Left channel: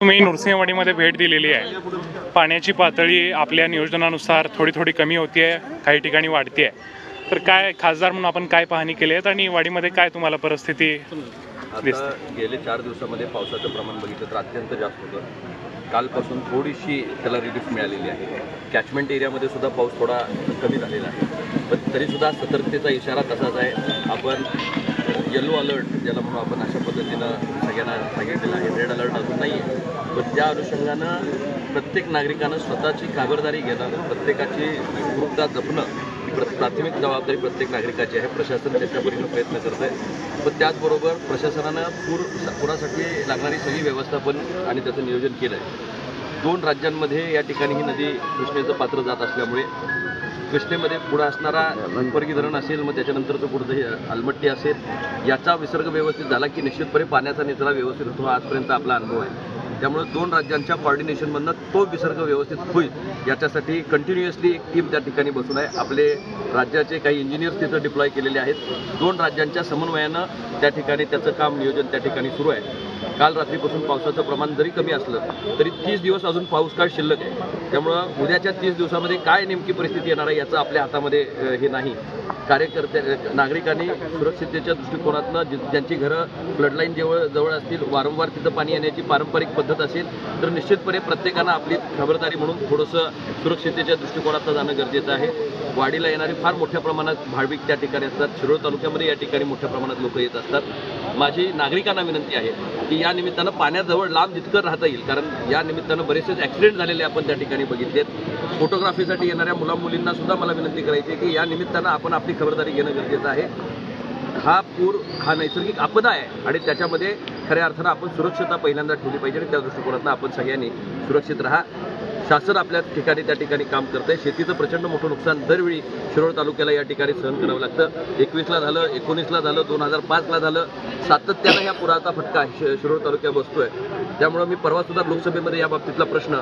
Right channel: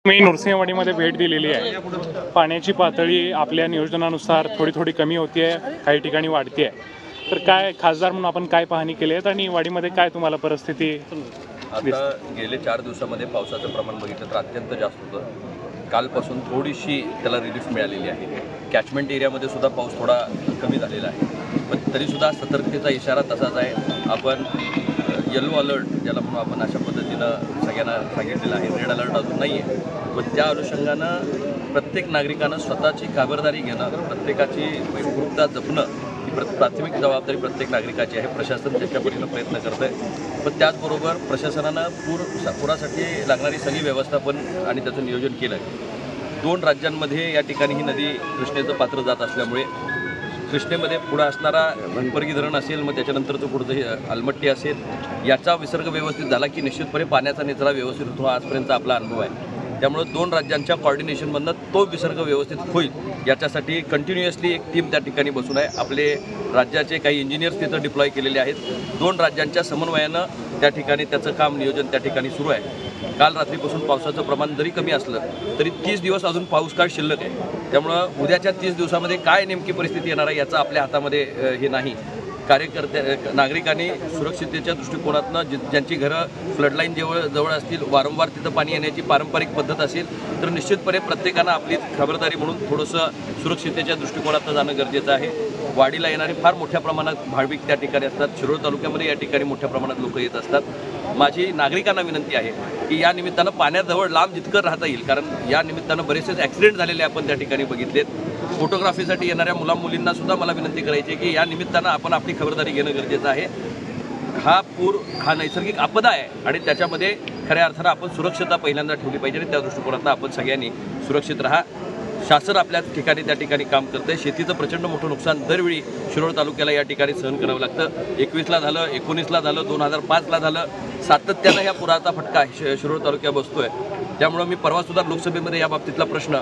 मी नृसिंहवाडीमध्ये भेट दिलेली आहे। पाण्याची पातळी आपल्या नियोजनानुसार थोडी थोडी कमी होती आहे, काही ठिकाणी वाढते आहे। तर काय खासदार म्हणून आपण काय पाहणी केली आहे आणि वाडीमध्ये काय तुम्हाला परिस्थिती आता गेले 4 दिवसामध्ये पावसाचं प्रमाण बघितलं तर अत्यंत जास्त होतं। कालपासून थोडीशी त्याला रिलीफ मिळालेली आहे। कॅचमेंट एरियामध्ये सुद्धा पाऊस थोडा कमी झालेला आहे, पण तरीसुद्धा सतर्कतेचा इशारा तसाच आहे। आपण येलो अलर्ट ज्याला म्हणून आपण अशा पद्धतीनं सगळ्यांना सांगितलेलं आहे। रेड अलर्ट अजून नाही आहे, पण त्या अनुषंगानं प्रत्येक नागरिकानं स्वतःची खबरदारी घेणं, प्रत्येकाची सुरक्षितता जपणं ही प्राथमिक जबाबदारी प्रत्येक नागरिकाची आहे। प्रशासन त्याच्या परीनं प्रयत्न करत आहे, पण त्याचबरोबर प्रशासनानं पुरासाठी लागणारी सगळी व्यवस्थापन आणि त्याचं नियोजन केलं आहे। 2 राज्यांमध्ये या ठिकाणी ही नदी कृष्णेचं पात्र जात असल्यामुळे कृष्णेमध्ये पुढं असणारा हिप्परगी धरण असेल, मग त्याच्यानंतरचं पुढचं अलमट्टी असेल, याचा विसर्ग व्यवस्थित झाला की निश्चितपणे पाण्याचा निचरा व्यवस्थित होतो। आजपर्यंत आपला अनुभव आहे। त्यामुळे 2 राज्यांच्या कॉर्डिनेशनमधनं तो विसर्ग व्यवस्थित होईल याच्यासाठी कंटिन्युअसली एक टीम त्या ठिकाणी बसून आहे। आपले राज्याचे काही इंजिनियर्स तिथं डिप्लॉय केलेले आहेत। 2 राज्यांच्या समन्वयानं त्या ठिकाणी त्याचं काम नियोजन त्या ठिकाणी सुरू आहे। काल रात्रीपासून पावसाचं प्रमाण जरी कमी असलं तरी 30 दिवस अजून पाऊस काळ शिल्लक आहे। त्यामुळं उद्याच्या 30 दिवसामध्ये काय नेमकी परिस्थिती येणार आहे याचं आपल्या हातामध्ये हे नाही। नागरिकांनी सुरक्षिततेच्या दृष्टिकोनातनं ज्यांची घरं फ्लडलाईन जवळ असतील, वारंवार तिथं पाणी येण्याची पारंपरिक पद्धत असेल, तर निश्चितपणे प्रत्येकानं आपली खबरदारी म्हणून थोडंसं सुरक्षिततेच्या दृष्टिकोनातनं जाणं गरजेचं आहे। वाडीला येणारी फार मोठ्या प्रमाणात भाविक त्या ठिकाणी असतात। शिरोळ तालुक्यामध्ये या ठिकाणी मोठ्या प्रमाणात लोक येत असतात। माझी नागरिकांना विनंती आहे की या निमित्तानं पाण्याजवळ लांब जितकं राहता येईल, कारण या निमित्तानं बरेचसे ॲक्सिडेंट झालेले आपण त्या ठिकाणी बघितलेत। फोटोग्राफीसाठी येणाऱ्या मुलांमुलींना सुद्धा मला विनंती करायची आहे की या निमित्तानं आपण आपली खबरदारी घेणं गरजेचं आहे। हा पूर हा नैसर्गिक आपदा आहे आणि त्याच्यामध्ये खऱ्या अर्थानं आपण सुरक्षता पहिल्यांदा ठेवली पाहिजे आणि त्या दृष्टिकोनातून आपण सगळ्यांनी सुरक्षित राहा। शासन आपल्या ठिकाणी त्या ठिकाणी काम करते। शेतीचं प्रचंड मोठं नुकसान दरवेळी शिरोळ तालुक्याला या ठिकाणी सहन करावं लागतं। 21ला झालं, 19ला झालं, 2005ला झालं, सातत्यानं ह्या पुराचा फटका शिरोळ तालुक्यात बसतोय। त्यामुळं मी परवासुद्धा लोकसभेमध्ये या बाबतीतला प्रश्न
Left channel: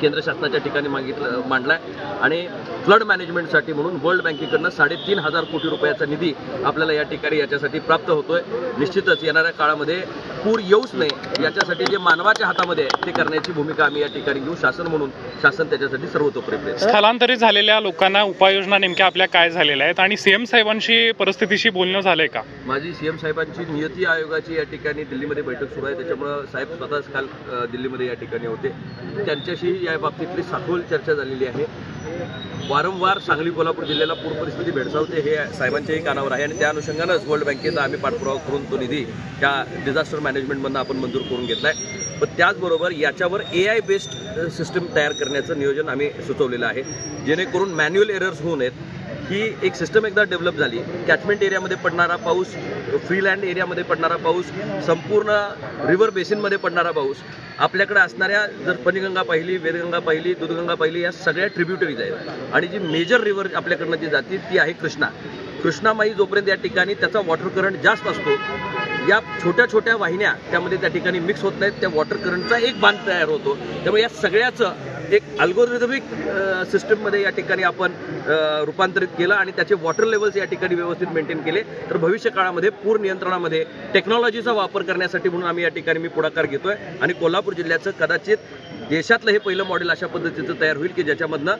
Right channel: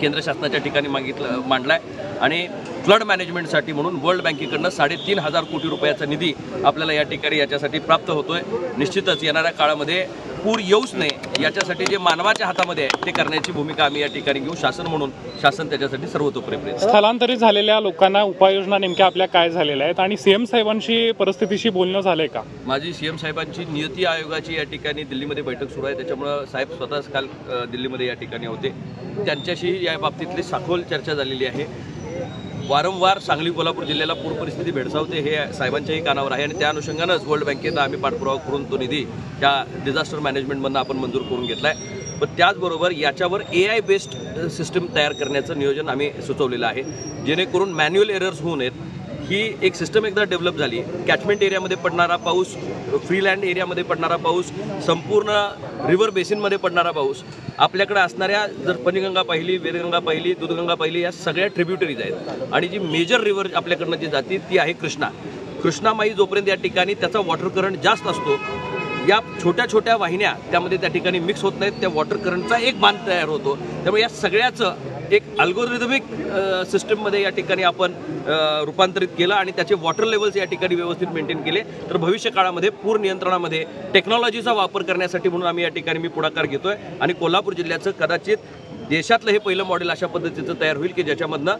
केंद्र शासनाच्या ठिकाणी मांडलाय आणि फ्लड मॅनेजमेंटसाठी म्हणून वर्ल्ड बँकेकडनं 3,500 कोटी रुपयाचा निधी आपल्याला या ठिकाणी याच्यासाठी प्राप्त होतोय। निश्चितच येणाऱ्या काळामध्ये पूर येऊच नये याच्यासाठी जे मानवाच्या हातामध्ये आहे ते करण्याची भूमिका आम्ही या ठिकाणी घेऊ। शासन त्याच्यासाठी सर्वतोपरी प्रयत्न। स्थलांतरित झालेल्या लोकांना उपाययोजना नेमक्या आपल्या काय झालेल्या आहेत आणि सीएम साहेबांशी परिस्थितीशी बोलणं झालंय का? माझी सीएम साहेबांची नियती आयोगाची या ठिकाणी दिल्लीमध्ये बैठक सुरू आहे। त्याच्यामुळं साहेब स्वतःच काल दिल्लीमध्ये या ठिकाणी होते। त्यांच्याशी या बाबतीतली सखोल चर्चा झालेली आहे। वारंवार सांगली कोल्हापूर जिल्ह्याला पूर परिस्थिती भेडसावते हे साहेबांच्याही कानावर आहे आणि त्या अनुषंगानंच वर्ल्ड बँकेचा आम्ही पाठपुरावा करून तो निधी त्या डिझास्टर मॅनेजमेंटमधनं आपण मंजूर करून घेतला आहे। पण त्याचबरोबर याच्यावर AI बेस्ड सिस्टम तयार करण्याचं नियोजन आम्ही सुचवलेलं आहे, जेणेकरून मॅन्युअल एरर्स होऊ नयेत। ही एक सिस्टम एकदा डेव्हलप झाली, कॅचमेंट एरियामध्ये पडणारा पाऊस, फ्रीलँड एरियामध्ये पडणारा पाऊस, संपूर्ण रिव्हर बेसिनमध्ये पडणारा पाऊस, आपल्याकडे असणाऱ्या जर पंचगंगा पाहिली, वेदगंगा पाहिली, दूधगंगा पाहिली, या सगळ्या ट्रिब्युटरीज आहेत आणि जी मेजर रिव्हर आपल्याकडनं जी जाते ती आहे कृष्णामाई। जोपर्यंत या ठिकाणी त्याचा वॉटर करंट जास्त असतो, या छोट्या छोट्या वाहिन्या त्यामध्ये त्या ठिकाणी मिक्स होत नाहीत, त्या वॉटर करंटचा एक बांध तयार होतो। त्यामुळे या सगळ्याचं एक अल्गोरिदमिक सिस्टममध्ये या ठिकाणी आपण रूपांतरित केलं आणि त्याचे वॉटर लेवल्स या ठिकाणी व्यवस्थित मेंटेन केले, तर भविष्य काळामध्ये पूर नियंत्रणामध्ये टेक्नॉलॉजीचा वापर करण्यासाठी म्हणून आम्ही या ठिकाणी मी पुढाकार घेतोय आणि कोल्हापूर जिल्ह्याचं कदाचित देशातलं हे पहिलं मॉडेल अशा पद्धतीचं तयार होईल की ज्याच्यामधनं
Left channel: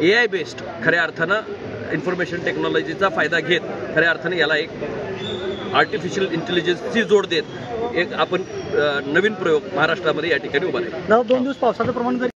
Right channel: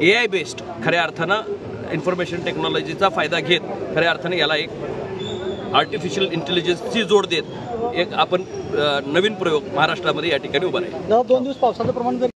AI बेस्ड खऱ्या अर्थानं इन्फॉर्मेशन टेक्नॉलॉजीचा फायदा घेत खऱ्या अर्थानं याला एक आर्टिफिशियल इंटेलिजन्सची जोड देत एक आपण नवीन प्रयोग महाराष्ट्रामध्ये या ठिकाणी उभा आहे। 2 दिवस पावसाचं प्रमाण